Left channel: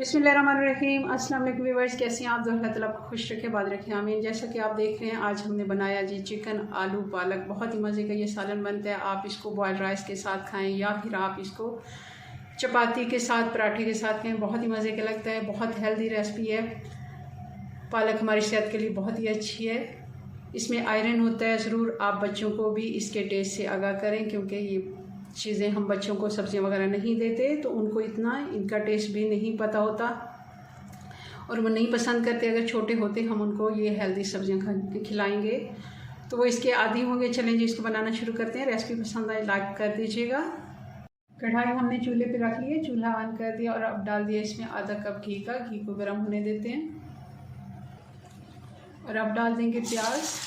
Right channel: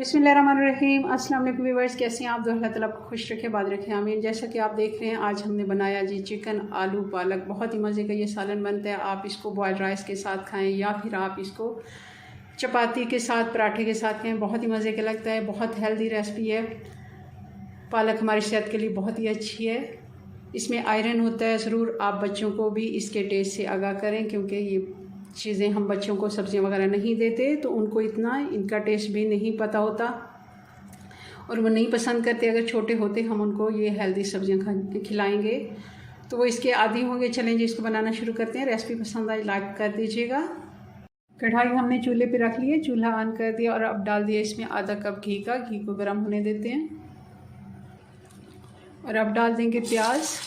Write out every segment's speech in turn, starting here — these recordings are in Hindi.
बिस्मिल्लाहिर्रहमानिर्रहीम। अस्सलाम वालेकुम व्यूअर्स, कैसे हैं आप? अल्लाह ताला आपको खुश रखे, बाद रखे, आमीन। जैसा कि आप देख रहे हैं, आज हमने बनाया जी चिकन आलू पालक। बहुत ही मज़े का ये सालन बनता है। आप इसको बॉयल्ड राइस के साथ खाएं या फिर आप इसको चपाती के साथ, पराठे के साथ खाएं, बहुत ही मज़े का लगता है। बहुत हेल्दी रेसिपी है। पालक हमारी सेहत के लिए बहुत ही अच्छी है। इसमें आयरन होता है। ज़रूर आप बच्चों को भी इसके टेस्ट से आगाह करें, क्योंकि ये चीज़ें हम बच्चों को सब्जियां वगैरह नहीं देते तो उनको इतना इनका टेस्ट भी नहीं पता होता और वो नहीं पसंद करते। अगर छोटे होते हम उनको ये हेल्दी सब्जियां खिलाएंगे तो वो इसके आदी होंगे। चलें जी, इसको बनाना शुरू करते हैं। रेसिपी पसंद आए लाइक कर दीजिएगा। कढ़ाई हमने चूल्हे पे रख ली है, चूल्हा ऑन कर दिया और अब डाल दिया इसमें आधा कप घी का। घी को गर्म होने देते हैं और अब डाल देंगे प्याज।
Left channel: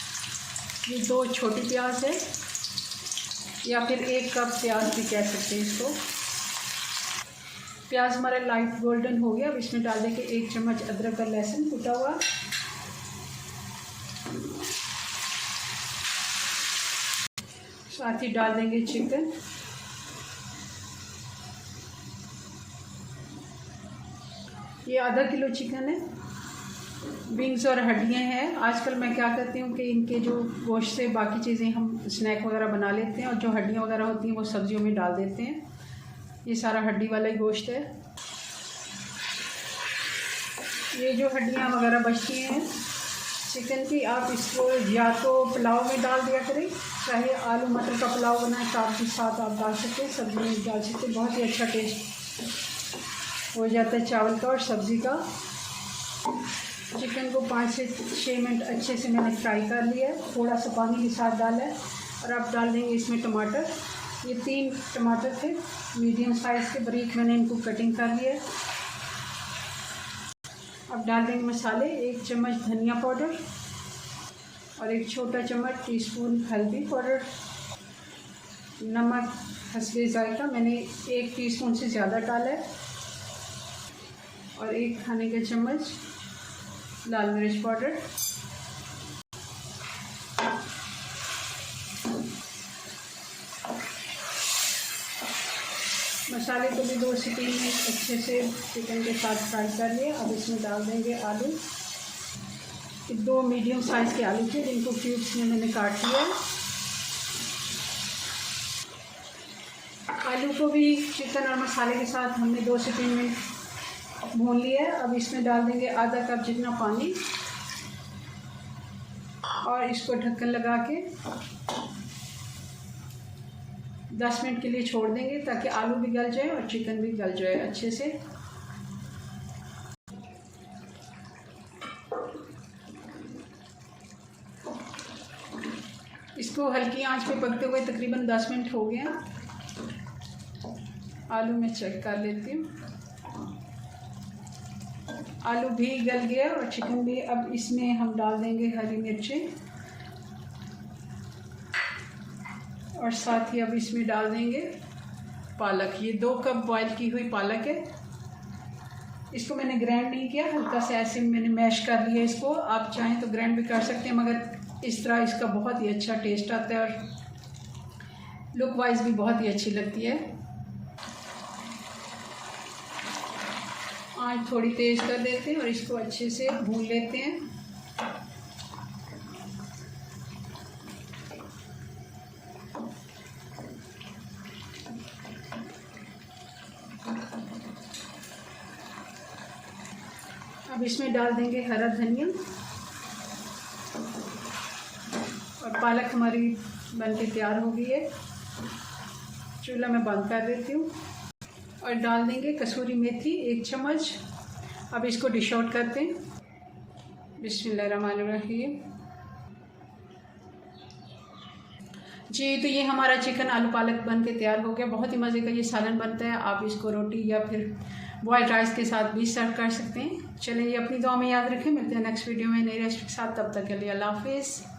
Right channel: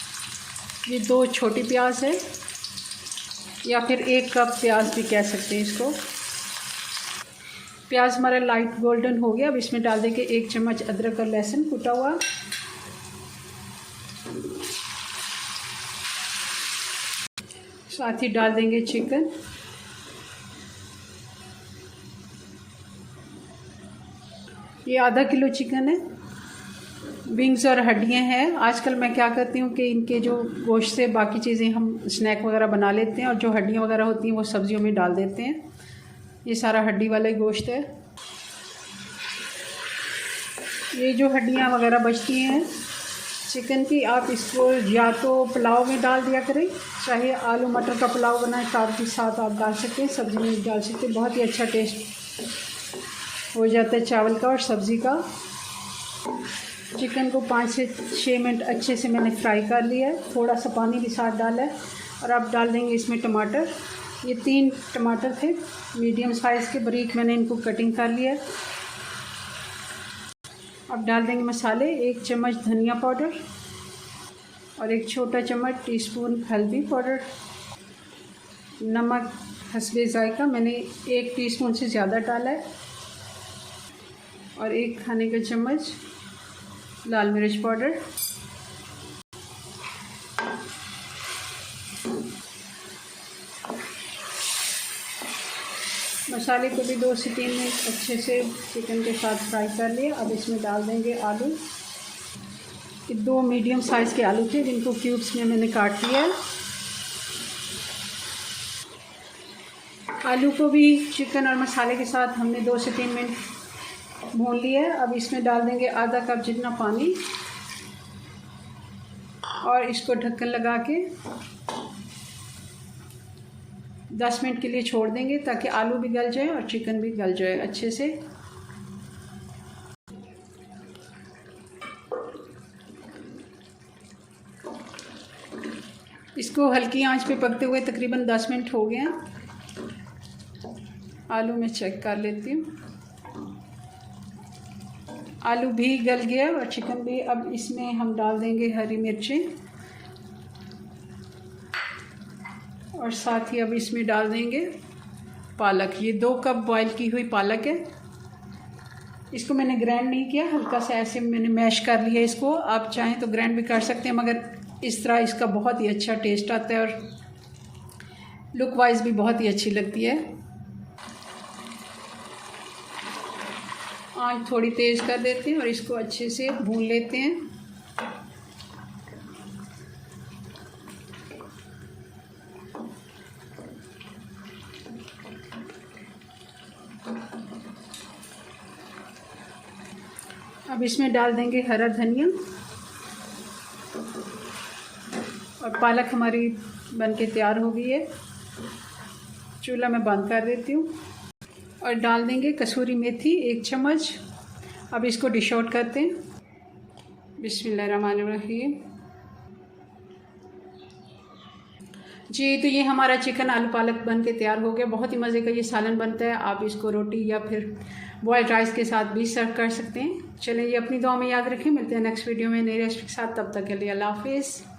ये 2 छोटी प्याज है या फिर 1 कप प्याज भी कह सकते हैं इसको। प्याज हमारा लाइट गोल्डन हो गया। अब इसमें डाल देंगे 1 चम्मच अदरक और लहसुन कुटा हुआ। साथ ही डाल देंगे चिकन। ये आधा किलो चिकन है। विंग्स और हड्डियां हैं। आजकल मैं क्या करती हूँ कि इनके जो गोश्त से बाकी चीज़ें हम स्नैक वगैरह बना लेते हैं और जो हड्डियाँ वगैरह होती हैं वो सब्जियों में डाल देते हैं। ये सारा हड्डी वाला ही गोश्त है। ये जो हड्डियाँ वगैरह बचती हैं चिकन की, आप इसको या तो पुलाव में डाल दिया करें, चाहे आलू मटर का पुलाव बनाए चावल के साथ आप डाल सकते हैं, सब्जी में डाल सकते हैं। बहुत ही अच्छा टेस्ट हो जाता है चावल का और सब्ज़ी का। चिकन को 5 से 6 मिनट अच्छे से मैंने फ्राई कर लिया है। थोड़ा सा पानी भी साथ डाला है और अब डाल देंगे इसमें टमाटर। ये 3 टमाटर थे मीडियम साइज़ के, बारीक मैंने इनको कटिंग कर लिया है। अब डाल देंगे मसाले। 1 चम्मच धनिया पाउडर और 1 छोटा चम्मच टीस्पून हल्दी पाउडर। नमक हस्बे जायका मैंने 1 टीस्पून से ज़्यादा डाला है और 1 खाने का चम्मच लाल मिर्च पाउडर। मसाले को भी 2 से 3 मिनट अच्छे से चिकन के साथ फ्राई कर लिए। अब इसमें डाल देंगे आलू। 2 मीडियम साइज़ के आलू थे जिनको क्यूब्स में मैंने काट लिया है। आलू को भी चिकन और मसाले के साथ हमने 2 से 3 मिनट भून लिया है। अब इसमें डाल देंगे आधा कप जितना पानी और इसको ढक्कन लगा के 10 मिनट के लिए छोड़ देंगे ताकि आलू भी गल जाए और चिकन भी गल जाए अच्छे से। इसको हल्की आंच पे पकते हुए तकरीबन 10 मिनट हो गए हैं। आलू में चेक कर लेती हूँ। आलू भी गल गया और चिकन भी। अब इसमें हम डाल देंगे हरी मिर्चें और साथ ही अब इसमें डाल देंगे पालक। ये 2 कप बॉईल की हुई पालक है। इसको मैंने ग्राइंड नहीं किया, हल्का सा ऐसे मैंने मैश कर लिया इसको। आप चाहें तो ग्राइंड भी कर सकते हैं, मगर इस तरह इसका बहुत ही अच्छा टेस्ट आता है और लुक वाइज भी बहुत ही अच्छी लगती है। आँच थोड़ी तेज़ कर देते हैं और इसको अच्छे से भून लेते हैं। अब इसमें डाल देंगे हरा धनिया और पालक हमारी बनके तैयार हो गई है। चूल्हा मैं बंद कर देती हूँ और डाल देंगे कसूरी मेथी 1 चम्मच। अब इसको डिश आउट करते हैं। बिस्मिल्लाहिर्रहमानिर्रहीम। जी, तो ये हमारा चिकन आलू पालक बन के तैयार हो गया। बहुत ही मज़े का ये सालन बनता है। आप इसको रोटी या फिर बॉयल्ड राइस के साथ भी सर्व कर सकते हैं। चलिए, अपनी दुआ में याद रखें। मिलते हैं नेक्स्ट वीडियो में नई रेसिपी के साथ। तब तक के लिए अल्लाह हाफिज़।